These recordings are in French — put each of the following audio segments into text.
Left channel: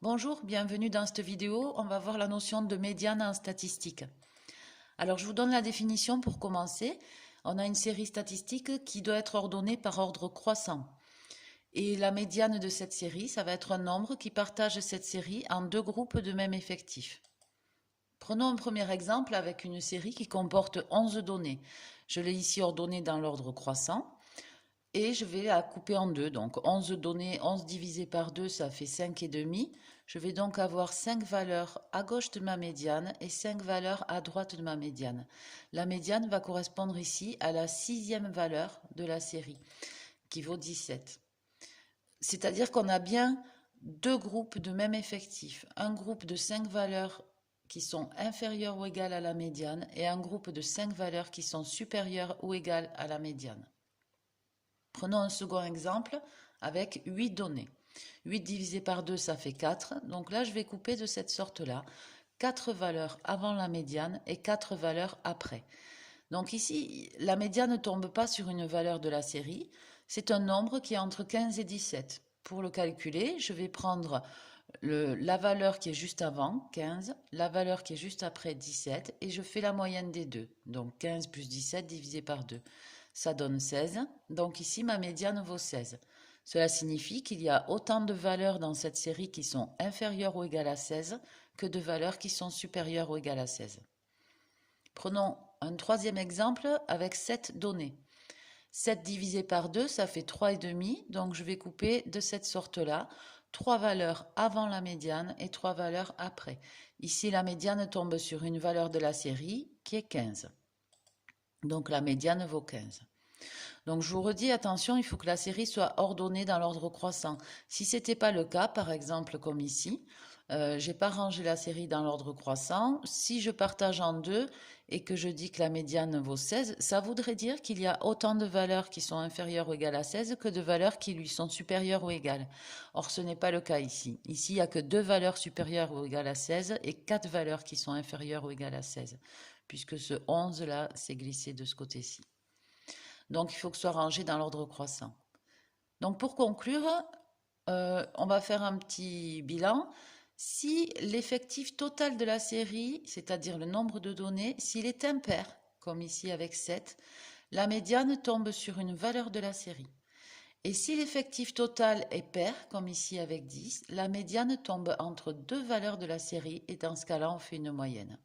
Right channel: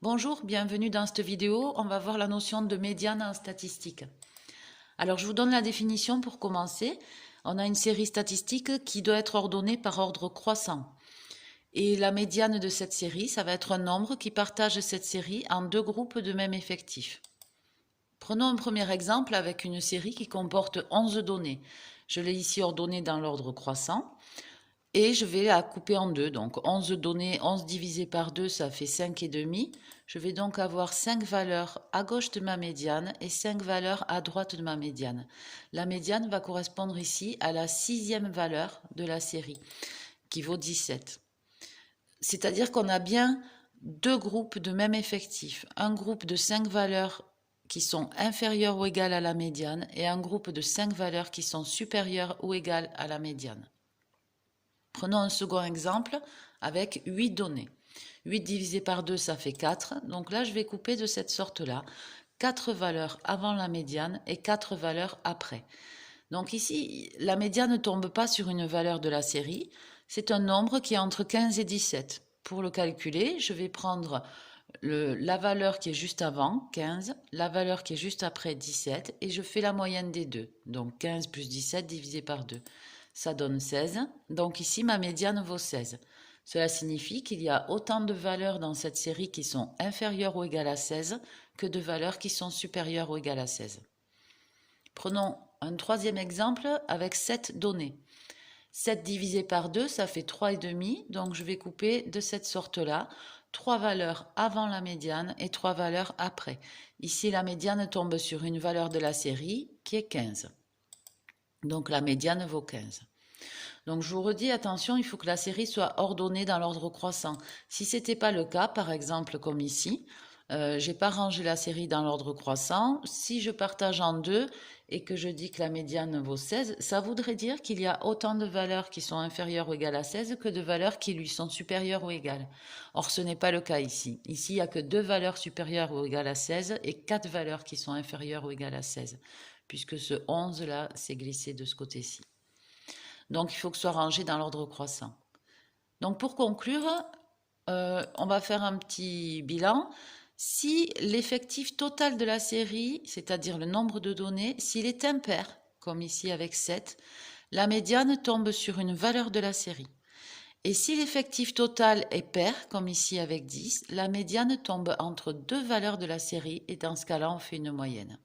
Bonjour, bienvenue dans cette vidéo. On va voir la notion de médiane en statistique. Alors, je vous donne la définition pour commencer. On a une série statistique qui doit être ordonnée par ordre croissant. Et la médiane de cette série, ça va être un nombre qui partage cette série en deux groupes de même effectif. Prenons un premier exemple avec une série qui comporte 11 données. Je l'ai ici ordonnée dans l'ordre croissant. Et je vais la couper en deux. Donc 11 données, 11 divisé par 2, ça fait 5,5. Je vais donc avoir 5 valeurs à gauche de ma médiane et 5 valeurs à droite de ma médiane. La médiane va correspondre ici à la sixième valeur de la série, qui vaut 17. C'est-à-dire qu'on a bien deux groupes de même effectif. Un groupe de 5 valeurs qui sont inférieures ou égales à la médiane et un groupe de 5 valeurs qui sont supérieures ou égales à la médiane. Prenons un second exemple avec 8 données. 8 divisé par 2, ça fait 4. Donc là, je vais couper de cette sorte-là 4 valeurs avant la médiane et 4 valeurs après. Donc ici, la médiane ne tombe pas sur une valeur de la série. C'est un nombre qui est entre 15 et 17. Pour le calculer, je vais prendre la valeur qui est juste avant, 15, la valeur qui est juste après, 17, et je fais la moyenne des deux. Donc 15 plus 17 divisé par 2. Ça donne 16. Donc ici, ma médiane vaut 16. Cela signifie qu'il y a autant de valeurs dans cette série qui sont inférieures ou égales à 16 que de valeurs qui sont supérieures ou égales à 16. Prenons un troisième exemple avec 7 données. 7 divisé par 2, ça fait 3,5. Donc je vais couper de cette sorte-là 3 valeurs avant la médiane et 3 valeurs après. Ici, la médiane tombe sur une valeur de la série qui est 15. Donc la médiane vaut 15. Donc je vous redis, attention, il faut que la série soit ordonnée dans l'ordre croissant. Si ce n'était pas le cas, par exemple comme ici, j'ai pas rangé la série dans l'ordre croissant. Si je partage en deux et que je dis que la médiane vaut 16, ça voudrait dire qu'il y a autant de valeurs qui sont inférieures ou égales à 16 que de valeurs qui lui sont supérieures ou égales. Or, ce n'est pas le cas ici. Ici, il n'y a que deux valeurs supérieures ou égales à 16 et quatre valeurs qui sont inférieures ou égales à 16, puisque ce 11-là s'est glissé de ce côté-ci. Donc, il faut que ce soit rangé dans l'ordre croissant. Donc, pour conclure, on va faire un petit bilan. Si l'effectif total de la série, c'est-à-dire le nombre de données, s'il est impair, comme ici avec 7, la médiane tombe sur une valeur de la série. Et si l'effectif total est pair, comme ici avec 10, la médiane tombe entre deux valeurs de la série et dans ce cas-là, on fait une moyenne.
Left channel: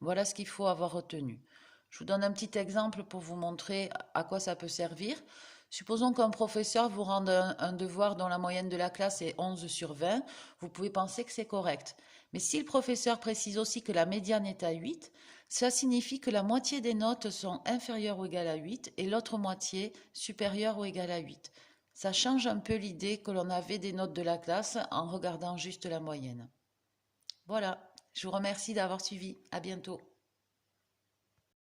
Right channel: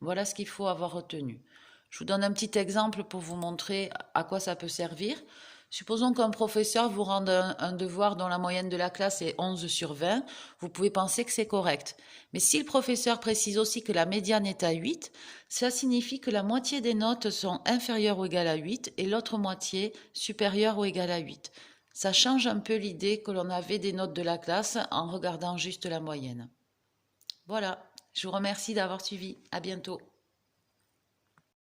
Voilà ce qu'il faut avoir retenu. Je vous donne un petit exemple pour vous montrer à quoi ça peut servir. Supposons qu'un professeur vous rende un devoir dont la moyenne de la classe est 11 sur 20, vous pouvez penser que c'est correct. Mais si le professeur précise aussi que la médiane est à 8, ça signifie que la moitié des notes sont inférieures ou égales à 8 et l'autre moitié supérieure ou égale à 8. Ça change un peu l'idée que l'on avait des notes de la classe en regardant juste la moyenne. Voilà, je vous remercie d'avoir suivi. À bientôt.